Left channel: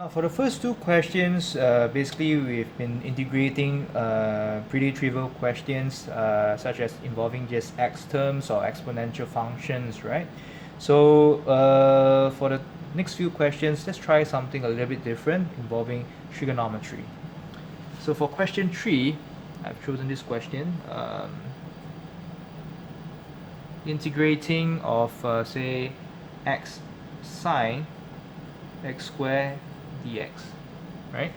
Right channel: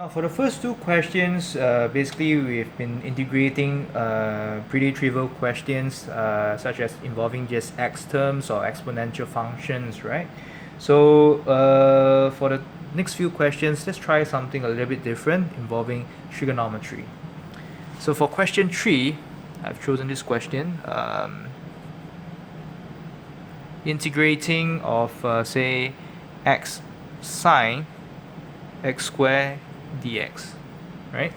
Now, for the first two questions, basically we've been integrating pretty trivial questions such as involving just x terms or exponential functions, right? So for the next few questions, let's try something a little bit different involving trigonometry. So for question 3, I've chosen this question. Integrating of say x sine x squared dx, right?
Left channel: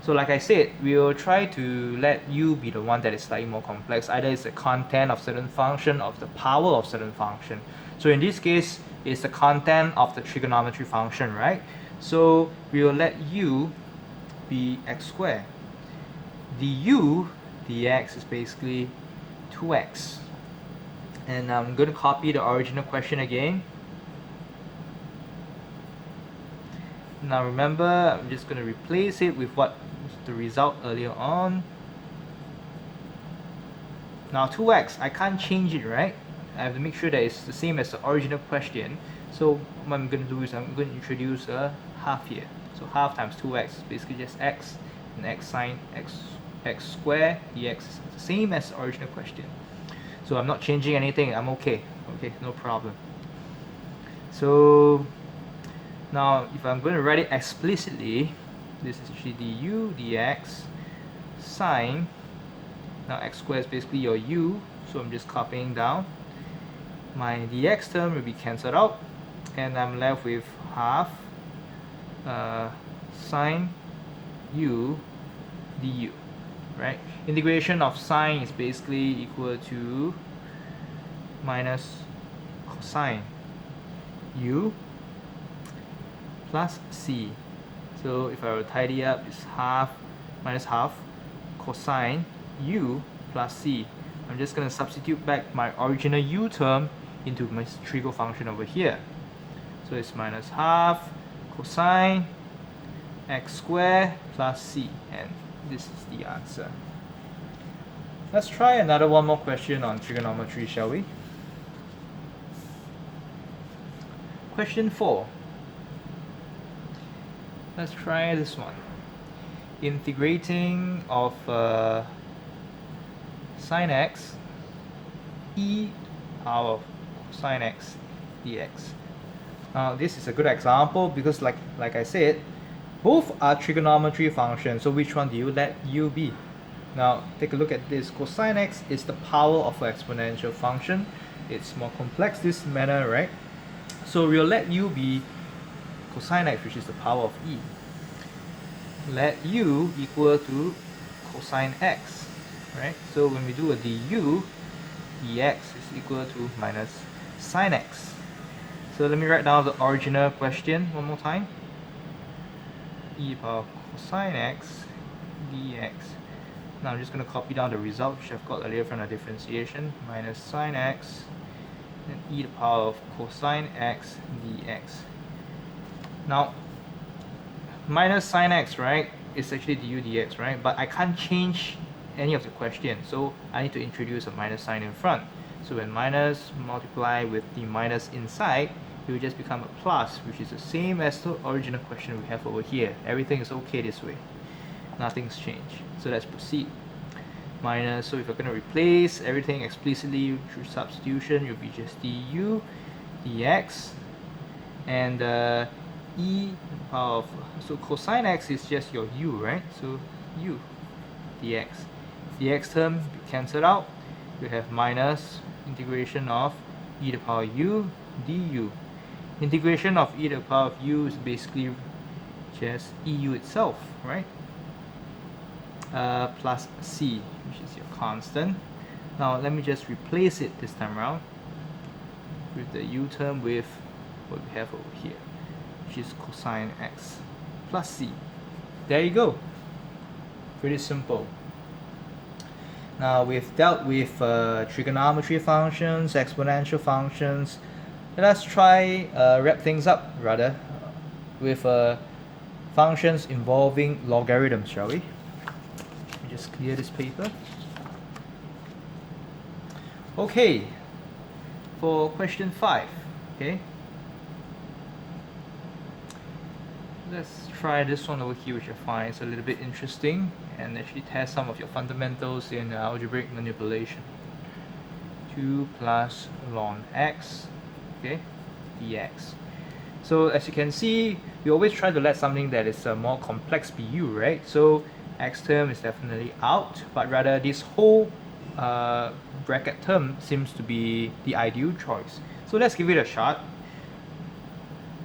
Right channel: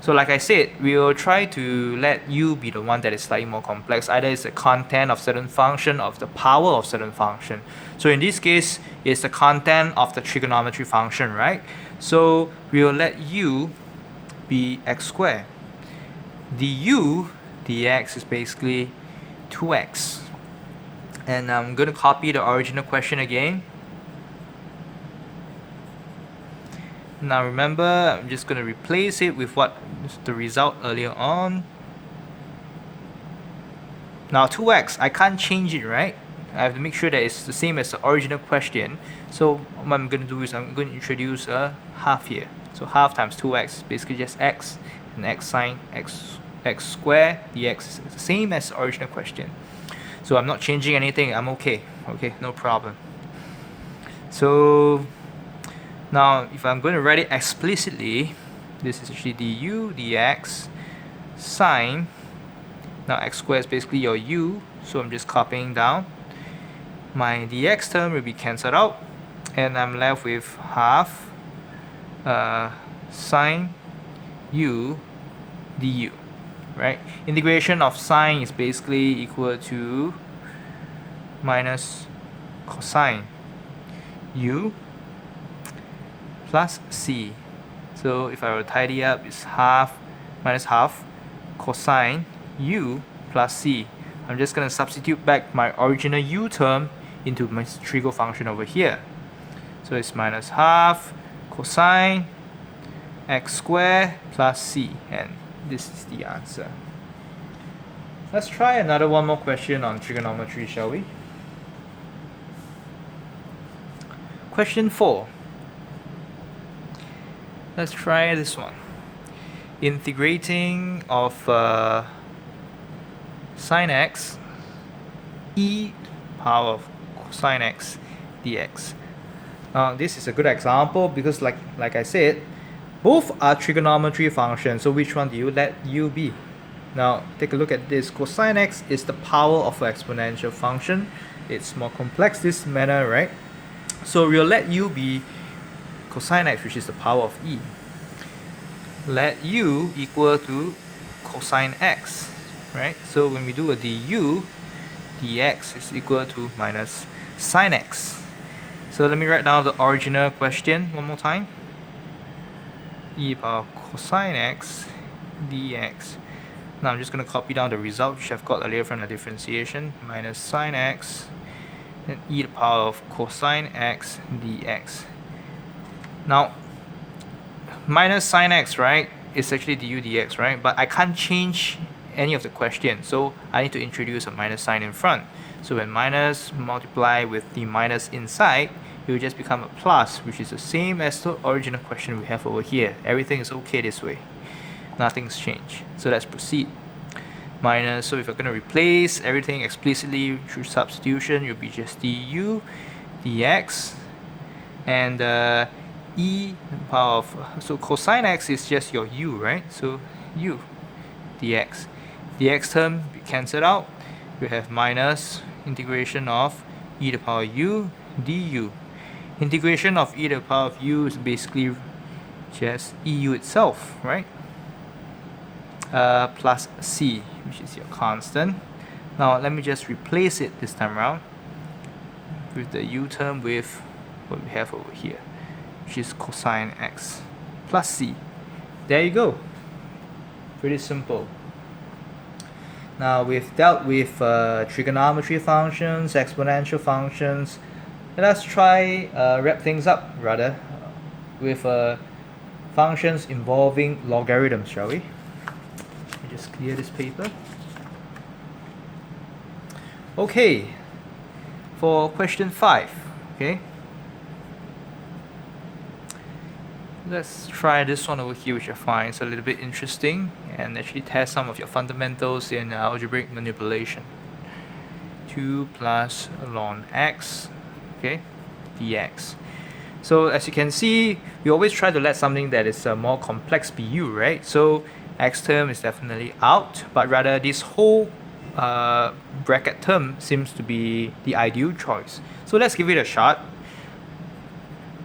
So like I said, we will try to let u be the one that is slightly more complex. Either it's the content of certain function or the power of certain function. So in this case, it's the content of the trigonometry function, right? So we will let u be x squared. Du dx is basically 2x. And I'm going to copy the original question again. Now remember, I'm just going to replace it with what was the result earlier on. Now 2x, I can't change it, right? I have to make sure that it's the same as the original question. So what I'm going to do is I'm going to introduce a half here. So half times 2x, basically just x, and x sine x squared dx is the same as the original question. So I'm not changing anything, I'm okay, no problem. So now if I'm going to write it explicitly, this is actually du dx sine, now x squared is basically your u, so I'm just copying down. My dx term will be cancelled out, and I'm left with half sine u du. Right? Integration of sine is basically equal to minus cosine u plus c. So if I were to tidy up, it's half minus half cosine u plus c. I'm just going to substitute back my original u term into my trigo function over here. So it's minus half cosine x squared plus c, and this is the answer. Let's try another one more question on trigonometry, shall we? Question 4. Let's try this one. Integrating of sine x e power of cosine x dx. Now this is a good example because like I said, both are trigonometry functions, so which one do you let u be? Now take a look at this. Cosine x is the power of an exponential function. It's more complex this manner, right? So we'll let u be cosine x, which is the power of e. Let u equal to cosine x, right? So when we do a du, dx is equal to minus sine x. So let me write down the original question one more time. E power of cosine x dx. Now I'm just going to copy down the result which I've got earlier from the differentiation, minus sine x and e to the power of cosine x dx. Now minus sine x, right, is actually du dx, right? But I can't change any of the question, so I need to introduce a minus sign in front. So when minus multiply with the minus inside, it will just become a plus, which is the same as the original question we have over here. Everything is okay this way. Nothing's changed. So let's proceed. Minus, so if we're going to replace everything explicitly through substitution, it will be just du dx, and e power of, so cosine x is just your u, right? So u dx. Dx term cancelled out. We have minus integration of e to the power u du. Integration of e to the power of u is basically just eu itself, right? Plus c, which is your constant. Now let me just replace it this time around with the u term with what we have over here, which is cosine x plus c. There you go. Pretty simple. Now we've dealt with trigonometry functions, exponential functions. Let us try wrap things up rather with functions involving logarithms, shall we? Let me just clear this paper. Okay, for question 5, okay? let's try this one over here, which I find is a little bit interesting and actually test some of your fundamentals in algebraic manipulation. 2 plus ln x, okay, dx. So as you can see, we always try to let something that is more complex be u, right? So x term is definitely out, but rather this whole bracket term seems to be the ideal choice. So let's give it a shot.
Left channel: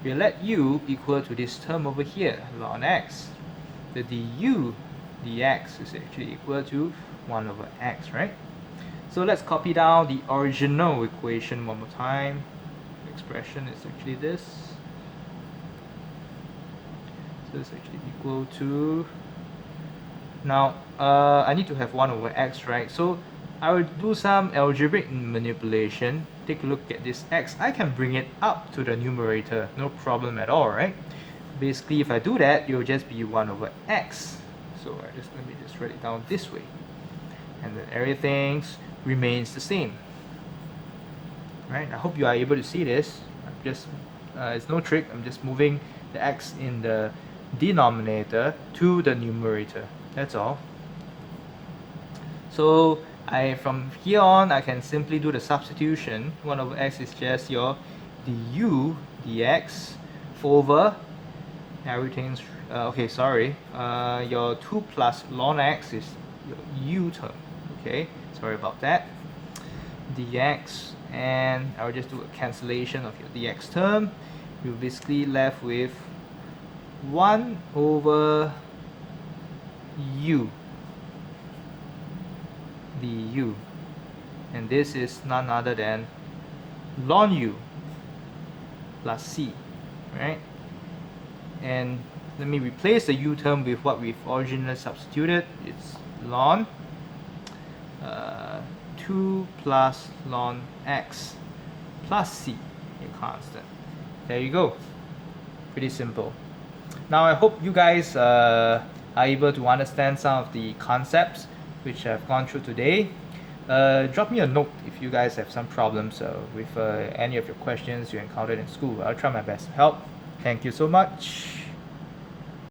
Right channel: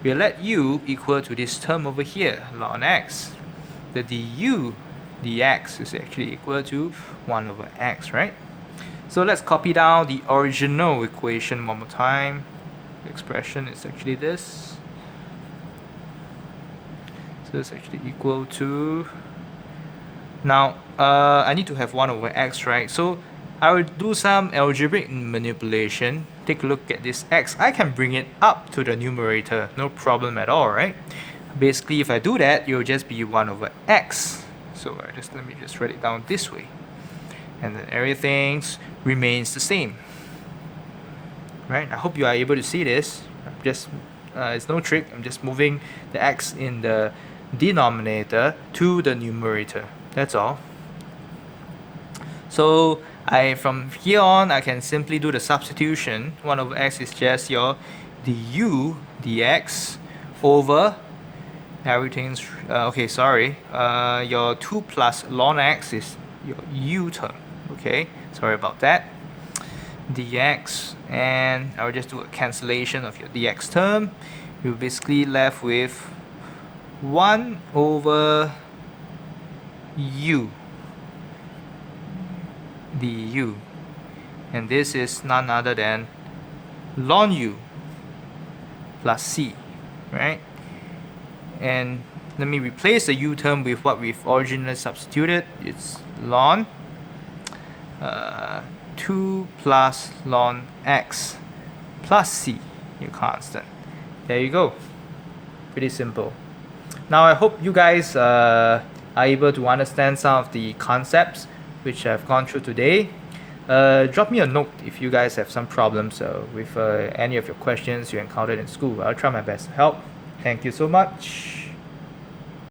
We'll let u equal to this term over here, ln x. The du dx is actually equal to 1 over x, right? So let's copy down the original equation one more time. The expression is actually this. So it's actually equal to... Now, I need to have 1 over x, right? So I will do some algebraic manipulation. Take a look at this x. I can bring it up to the numerator, no problem at all, right? Basically, if I do that, it will just be 1 over x. So let me just write it down this way. And then everything remains the same. Right? I hope you are able to see this. It's no trick. I'm just moving the x in the denominator to the numerator. That's all. So from here on, I can simply do the substitution. 1 over x is just your du dx over everything's your 2 plus ln x is your u term. Okay, sorry about that. Dx, and I'll just do a cancellation of your dx term. You're basically left with 1 over u du, and this is none other than ln u plus c, right? And let me replace the u term with what we've originally substituted. It's ln 2 plus ln x plus c, your constant. There you go. Pretty simple. Now I hope you guys are able to understand some of the concepts which I've gone through today. Drop me a note if you guys have some problems with any of your questions you encountered in school. I'll try my best to help. Thank you so much.